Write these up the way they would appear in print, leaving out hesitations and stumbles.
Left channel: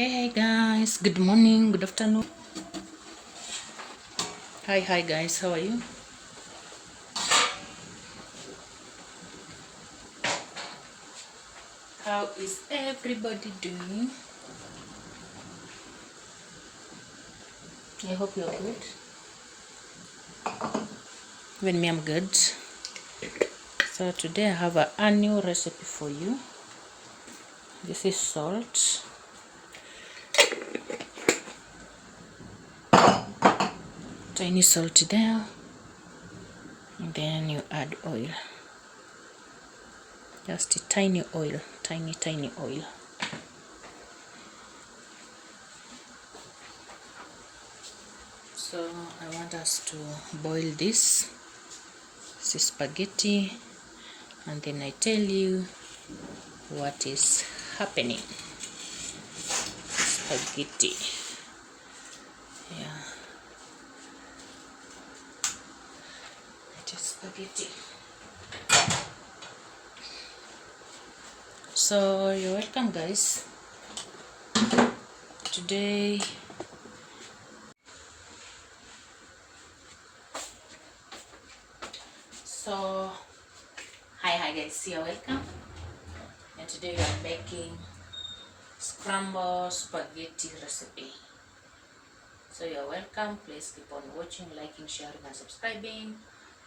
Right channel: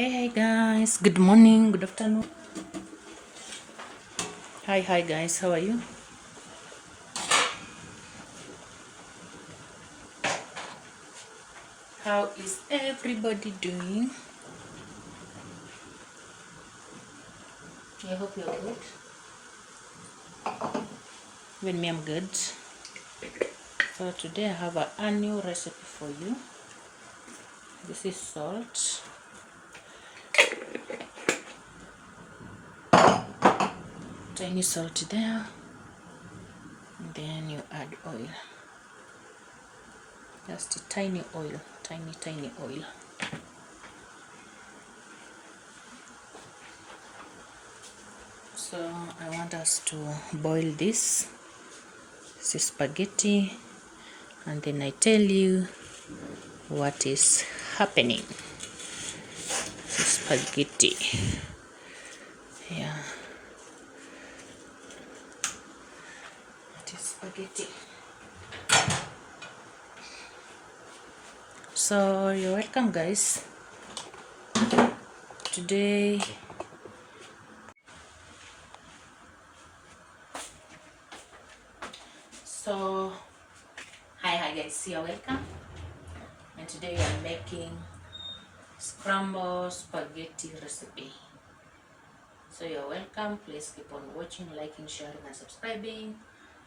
Hey guys, good morning, good afternoon. Hi guys, how are you? How is everybody doing? I hope you're good. Even me, I'm good. So today I have a new recipe for you. This is salt. Tiny salt there. And then you add oil. Just a tiny oil, tiny oil. So I want us to boil this. This is spaghetti. And then I tell you what is happening. Spaghetti. Yeah. It is spaghetti. So you're welcome guys. Today hi guys, you're welcome. And today we are making scrambled spaghetti recipe. So you're welcome. Please keep on watching, liking, sharing and subscribing,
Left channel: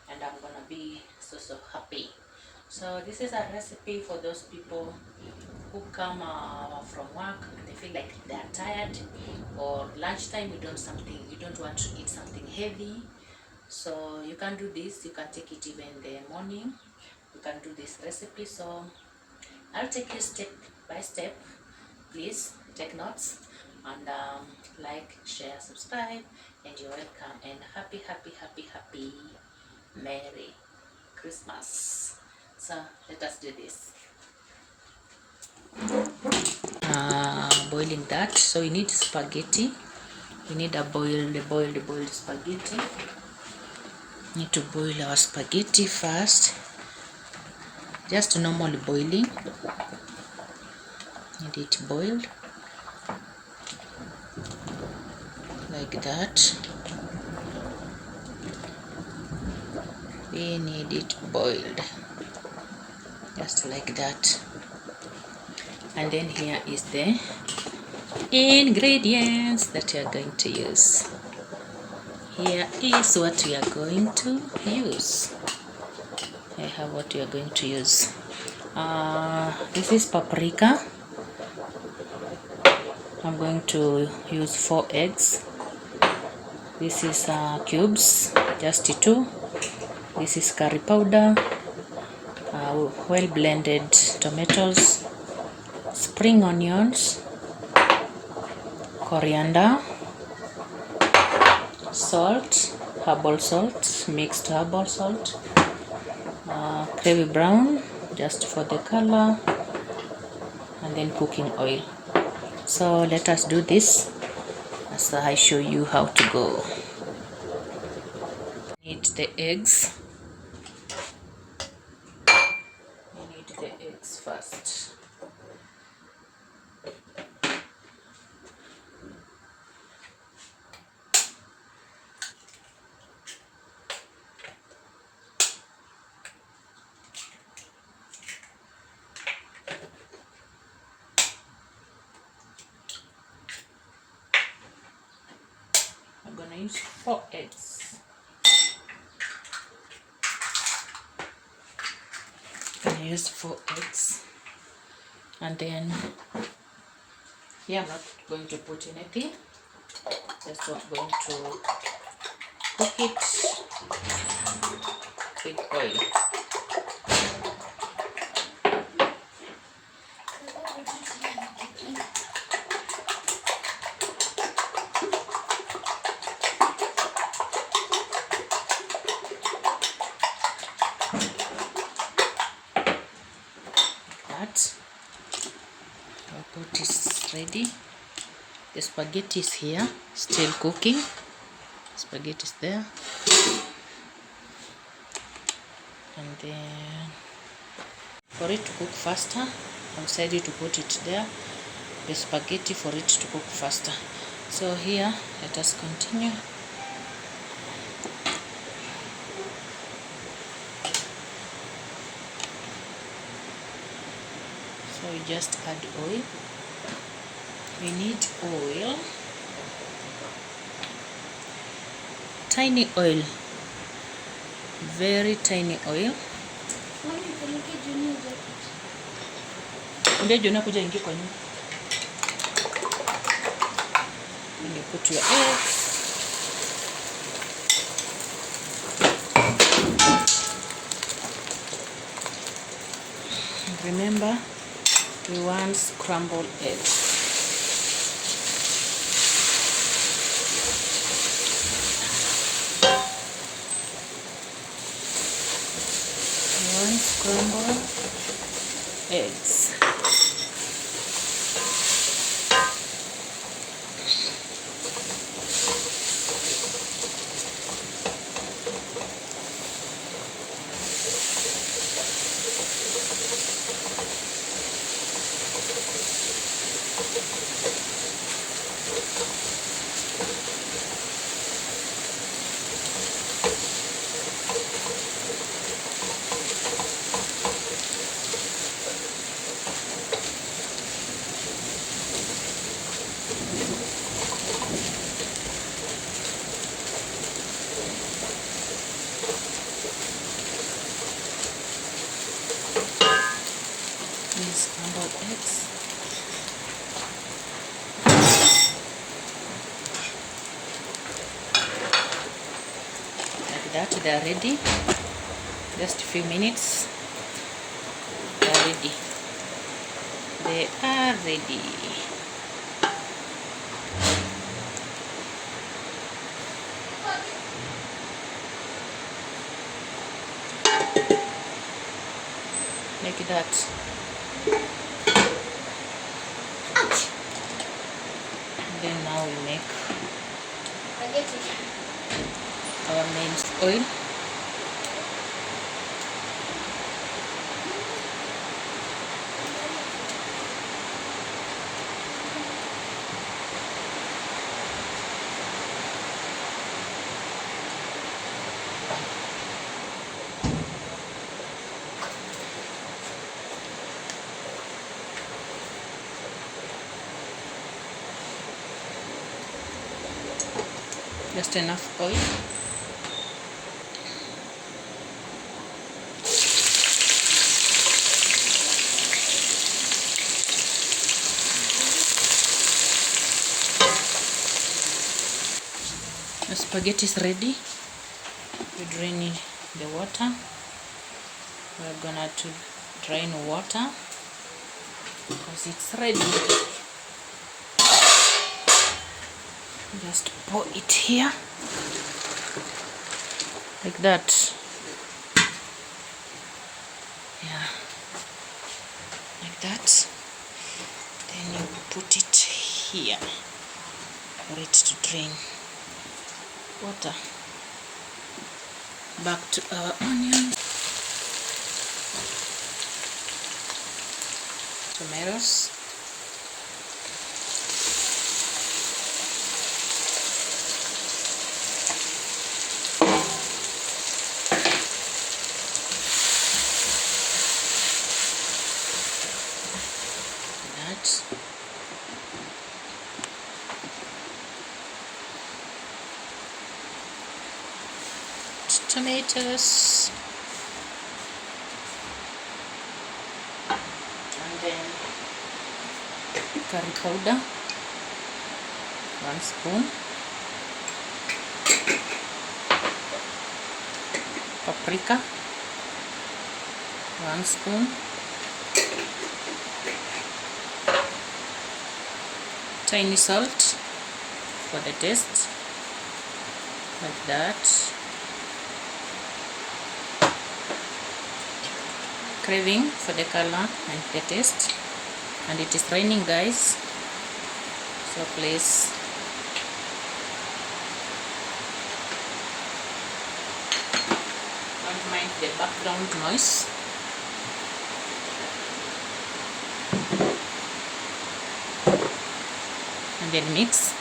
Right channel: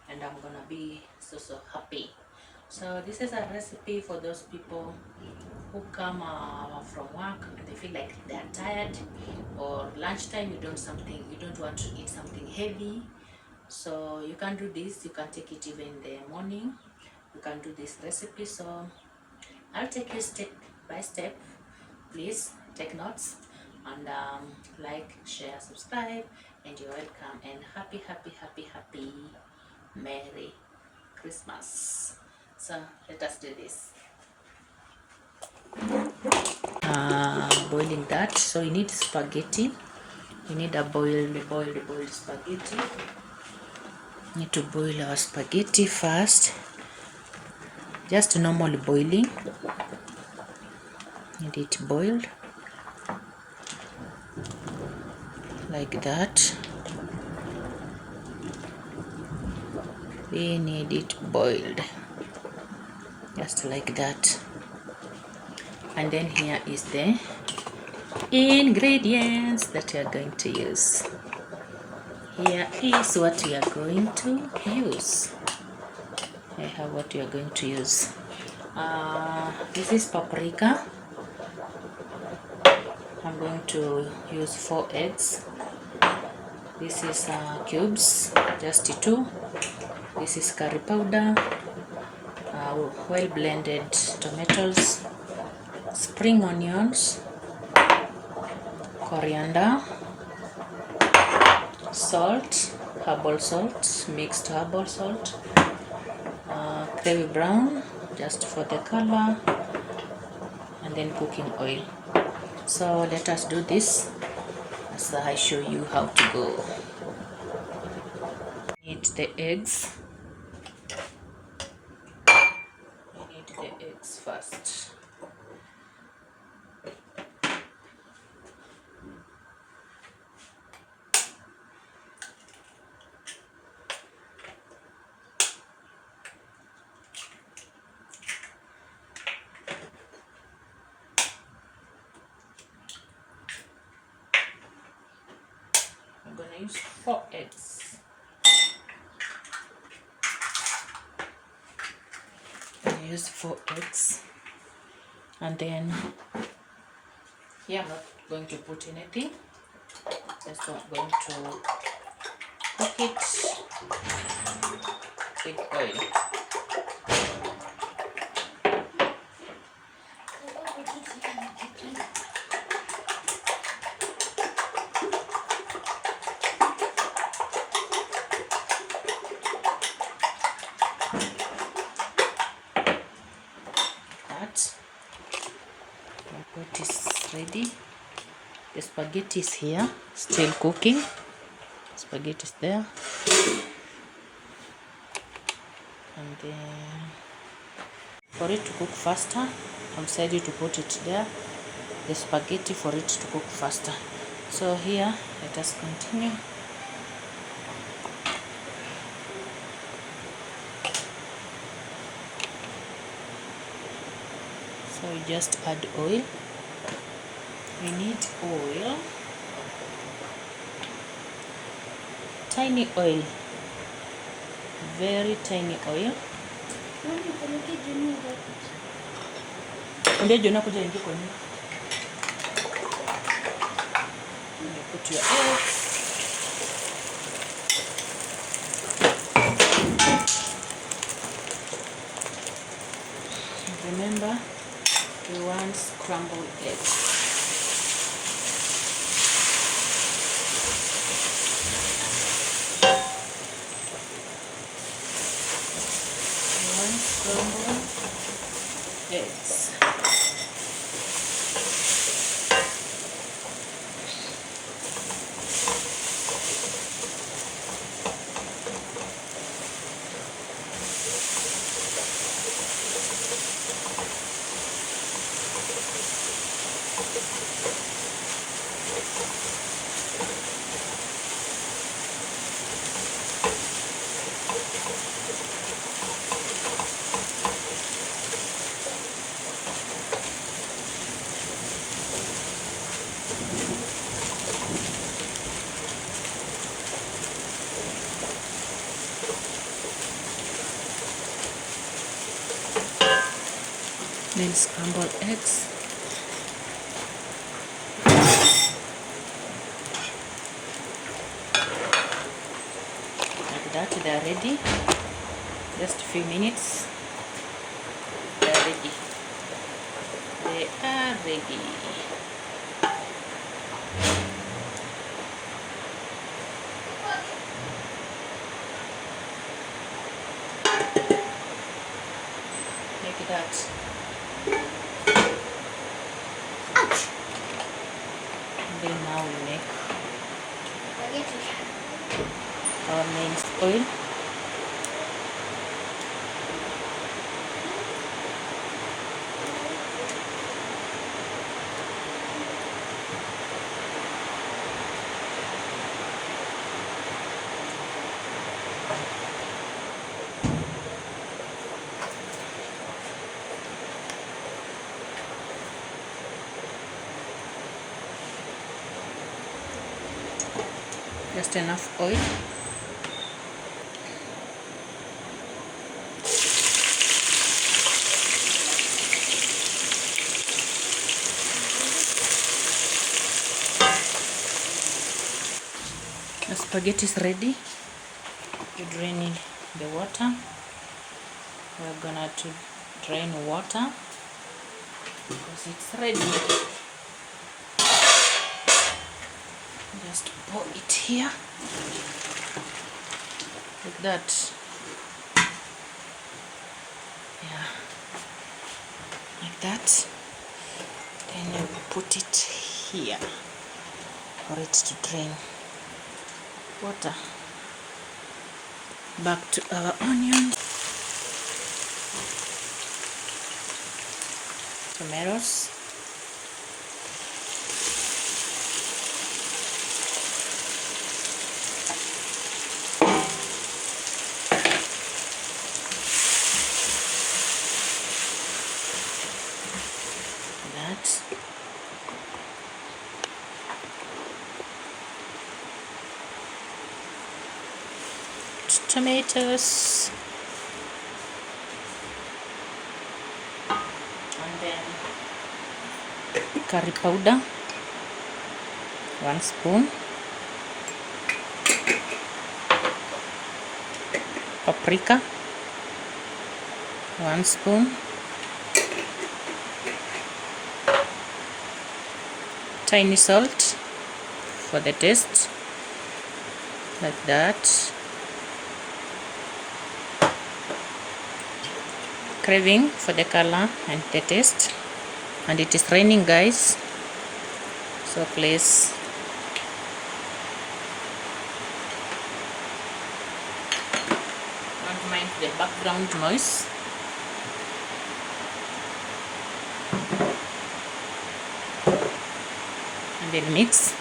and I'm gonna be so happy. So this is a recipe for those people who come from work and they feel like they are tired, or lunchtime you don't want to eat something heavy. So you can do this. You can take it even in the morning. You can do this recipe. So I'll take you step by step. Please take notes and like, share, subscribe, and you're welcome. And happy Merry Christmas. So let us do this. Boiling that. So you need spaghetti. You need a boiled spaghetti. Need to boil our spaghetti first. Just normally boiling. Need it boiled like that. We need it boiled just like that. And then here is the ingredients that we are going to use. Here is what we are going to use. I have what we are going to use. This is paprika. I'm going to use 4 eggs. This is cubes, just 2. This is curry powder, well blended tomatoes, spring onions, coriander, salt, herbal salt, mixed herbal salt, gravy brown just for the color, and then cooking oil. So let us do this as I show you how to go. Need the eggs. You need the eggs first. I'm gonna use 4 eggs. I'm gonna use 4 eggs, and then here I'm not going to put anything. Just going to cook it with oil. That my pot is ready. The spaghetti is here, still cooking. Spaghetti is there, and then for it to cook faster, I've decided to put it there the spaghetti for it to cook faster. So here, let us continue. So we just add oil. We need oil, tiny oil, very tiny oil. Ambia Jona kuja ingie kwa nyumba. You put your eggs. And remember, we want scrambled eggs. Scrambled eggs. These scrambled eggs. Like that, they are ready. Just a few minutes. They are ready. They are ready. Like that. And then now we make our main oil. Just enough oil. The spaghetti is ready. You drain the water. We're gonna to drain water because it's ready. Just pour it here like that. Yeah, like that. Then you put it here for it to drain water. Back to our onions, tomatoes, tomatoes, and then curry powder, 1 spoon, paprika, 1 spoon, tiny salt for the taste, like that. Craving for the color and the taste. And it is raining, guys, so please don't mind the background noise. then mix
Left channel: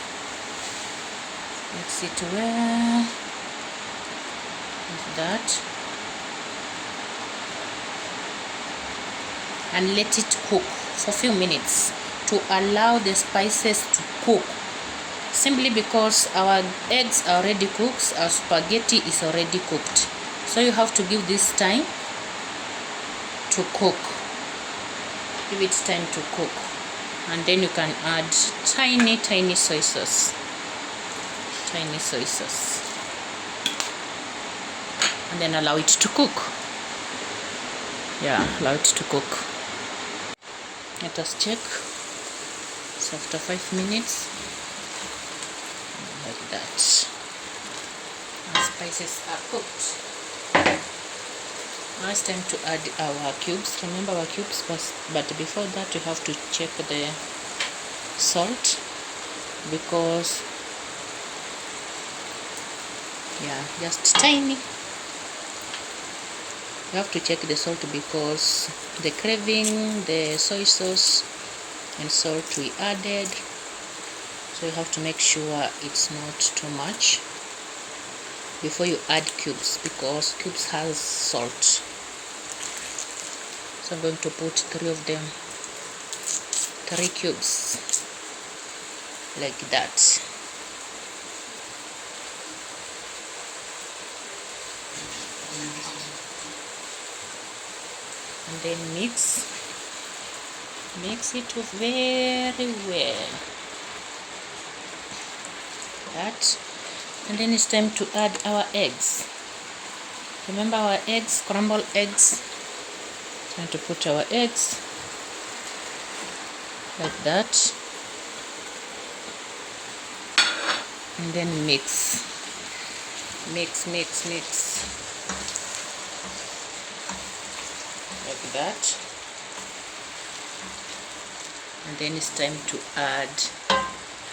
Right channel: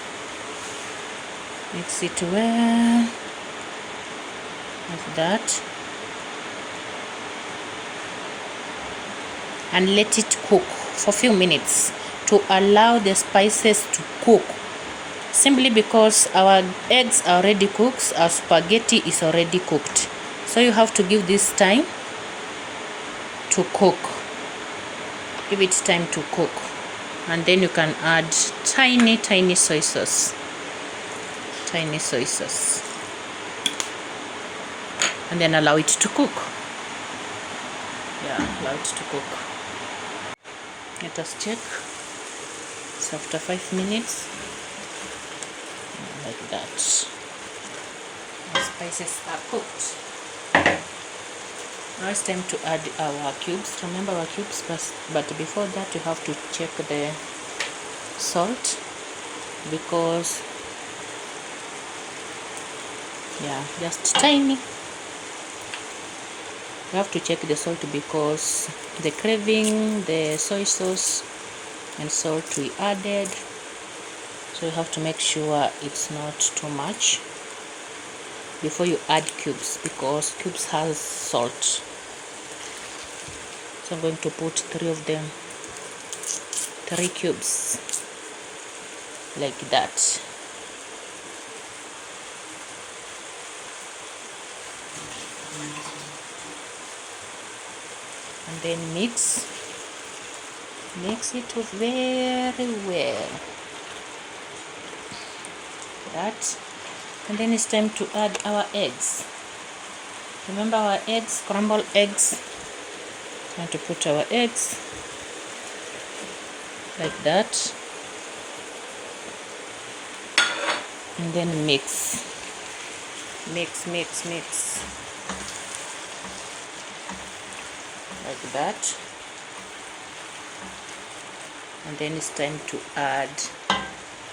it well, like that, and let it cook for a few minutes to allow the spices to cook, simply because our eggs are already cooked, our spaghetti is already cooked, so you have to give this time to cook. Give it time to cook, and then you can add tiny soy sauce, and then allow it to cook. Allow it to cook. Let us check. So after 5 minutes, like that, our spices are cooked. Now it's time to add our cubes. Remember our cubes, but before that you have to check the salt, because just tiny. You have to check the salt because the craving, the soy sauce and salt we added, so you have to make sure it's not too much before you add cubes, because cubes has salt. So I'm going to put 3 of them, 3 cubes, like that. And then mix it very well, that. And then it's time to add our eggs. Remember our eggs, scrambled eggs. Time to put our eggs like that, and then mix like that. And then it's time to add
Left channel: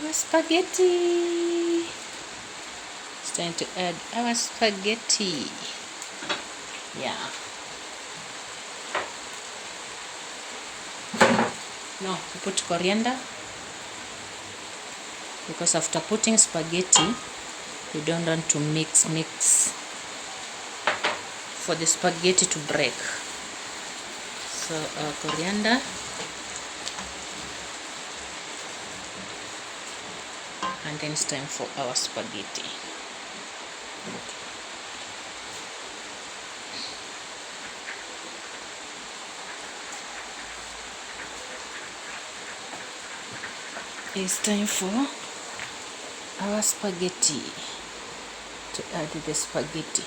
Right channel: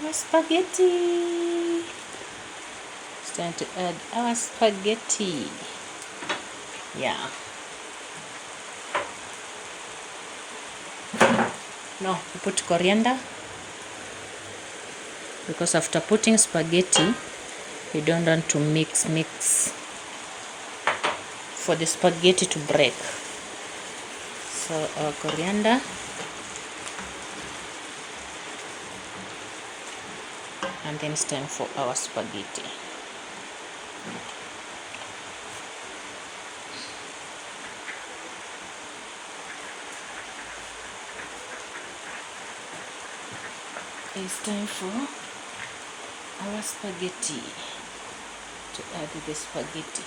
our spaghetti. It's time to add our spaghetti. No, we put coriander, because after putting spaghetti you don't want to mix for the spaghetti to break. So our coriander, and then it's time for our spaghetti. It's time for our spaghetti, to add the spaghetti.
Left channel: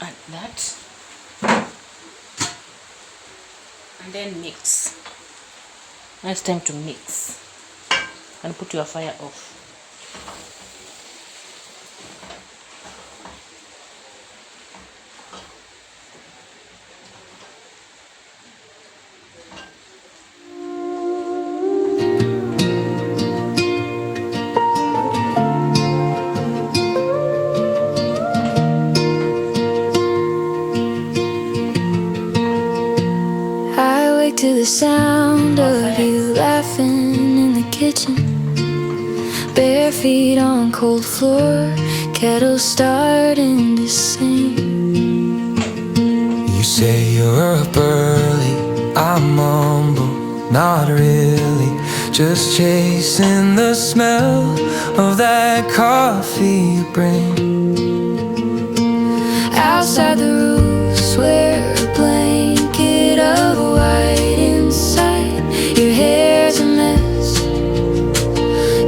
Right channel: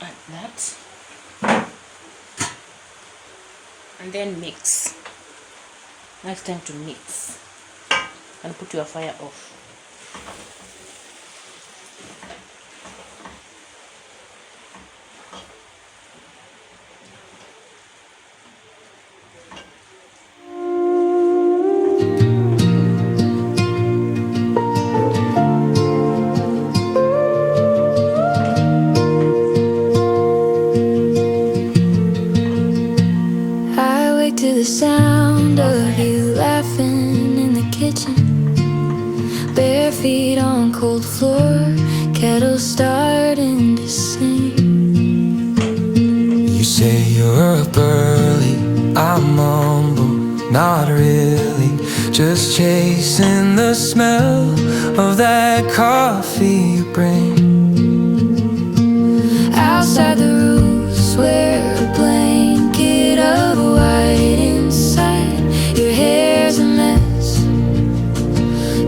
Like that, and then mix. Now it's time to mix, and put your fire off. To the sound of you laughing in the kitchen, bare feet on cold floor, kettle starting to sing. You say you're up early, I mumble, not really, just chasing the smell of that coffee you bring. Outside the roof, swear a blanket of white inside. Your hair's a mess,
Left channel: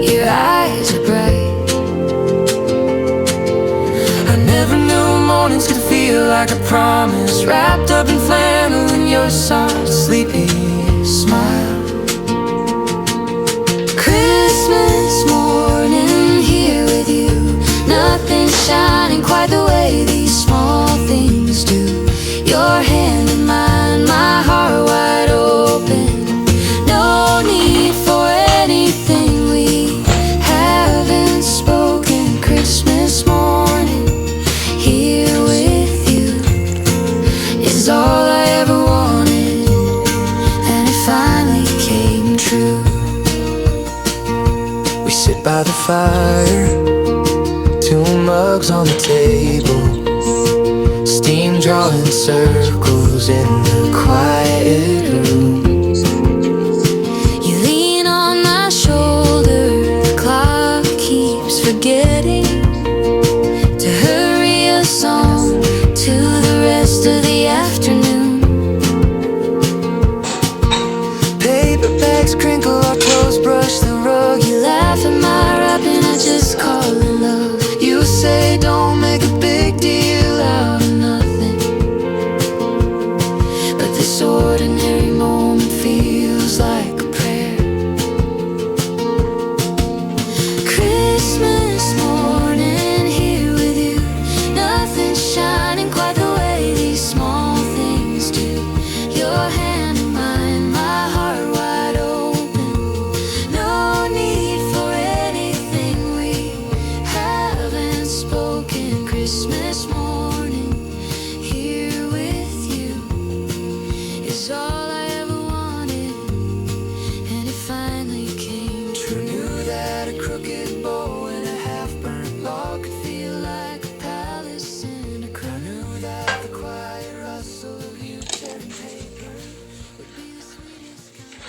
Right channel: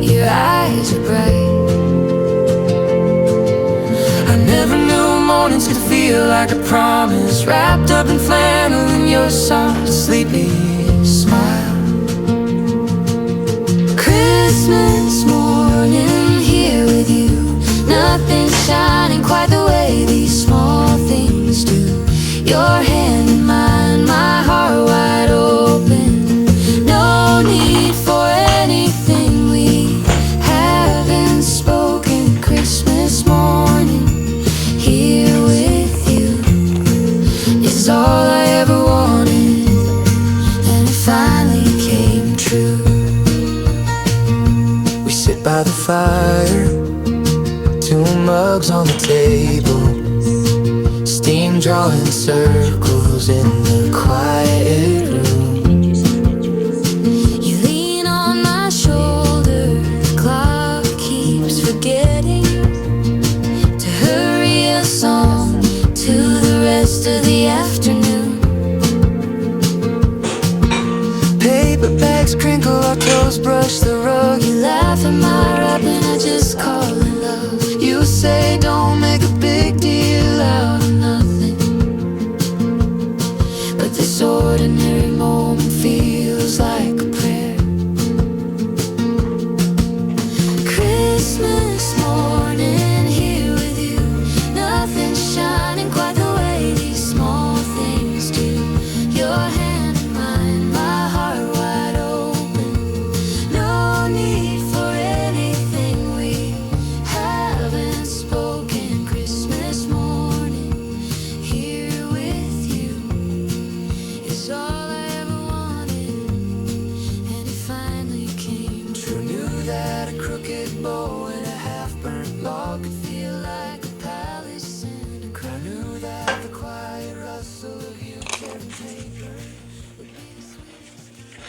your eyes are bright. mornings could feel like a promise, wrapped up in flannel and your soft, sleepy smile. Christmas morning here with you, nothing shining quite the way these small things do. Your hand in mine, my heart wide open. No need for anything we haven't spoken. Christmas morning here with you is all I ever wanted, and it finally came true. We sit by the fire, 2 mugs on the table, steam drawing circles in the quiet room. You lean on my shoulder, the clock keeps forgetting to hurry us on to the rest of the afternoon. Paper bags crinkle, our toes brush the rug. You laugh at my rap and I just call it love. You say don't make a big deal out of nothing, But this ordinary moment feels like a prayer. Christmas morning here with you, nothing shining quite the way these small things do. Your hand in mine, my heart wide open. No need for anything we haven't spoken. Christmas morning here with you is all I ever wanted, and it finally came who true. knew that a crooked bow and a half-burnt log could feel like a palace in a crown? Who knew that the quiet rustle of you tearing paper would be the sweetest kind?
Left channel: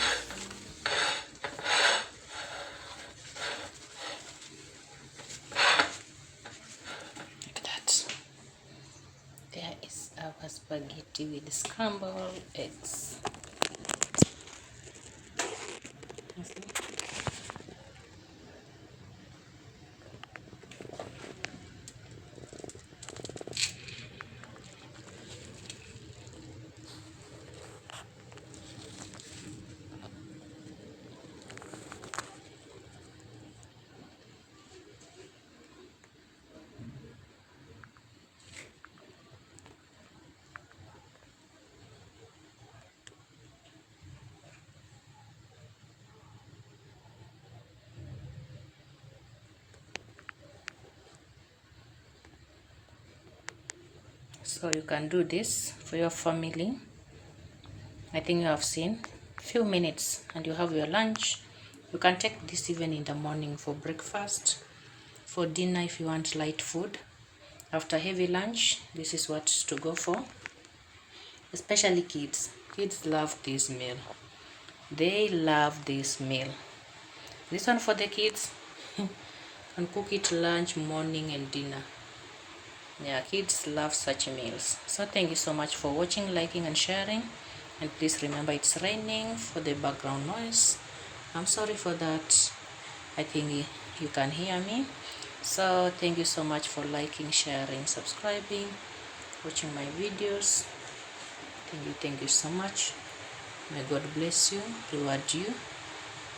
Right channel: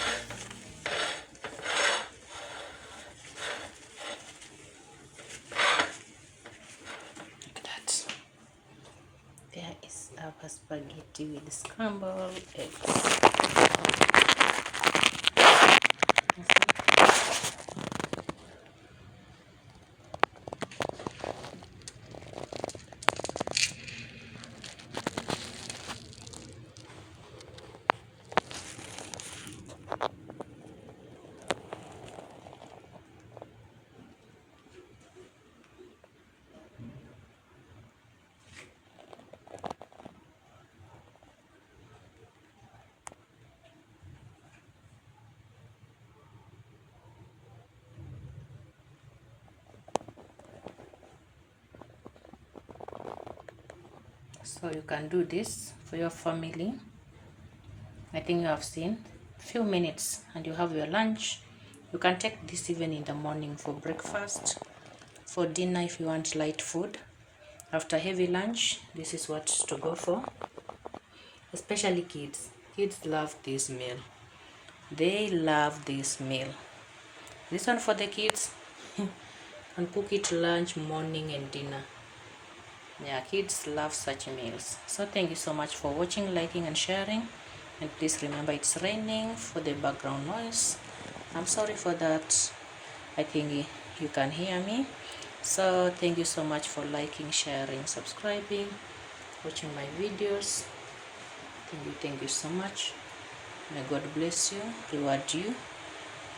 Look at that. There is our spaghetti with scrambled eggs. So you can do this for your family. I think you have seen few minutes and you have your lunch. You can take this even in the morning for breakfast, for dinner if you want light food. After heavy lunch, this is what to go for. Especially kids. Kids love this meal. They love this meal. This one for the kids. And cook it lunch, morning and dinner. Yeah, kids love such meals. So thank you so much for watching, liking and sharing. And please remember it's raining for the background noise. I'm sorry for that. I think you can hear me. So thank you so much for liking, sharing, subscribing, watching my videos. Thank you so much. May God bless you, reward you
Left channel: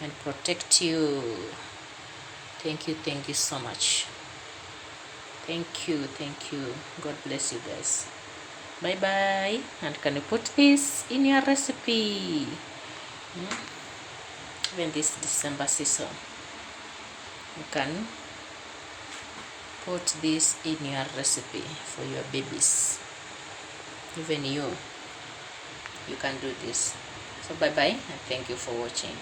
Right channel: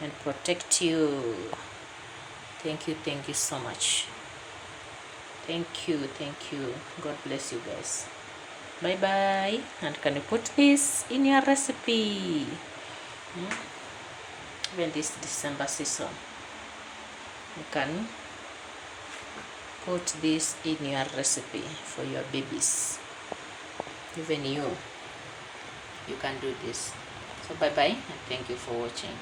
and protect you. Thank you so much. Thank you. God bless you guys. Bye bye. And can you put this in your recipe? Even this December season, you can put this in your recipe for your babies. Even you can do this. So bye bye and thank you for watching.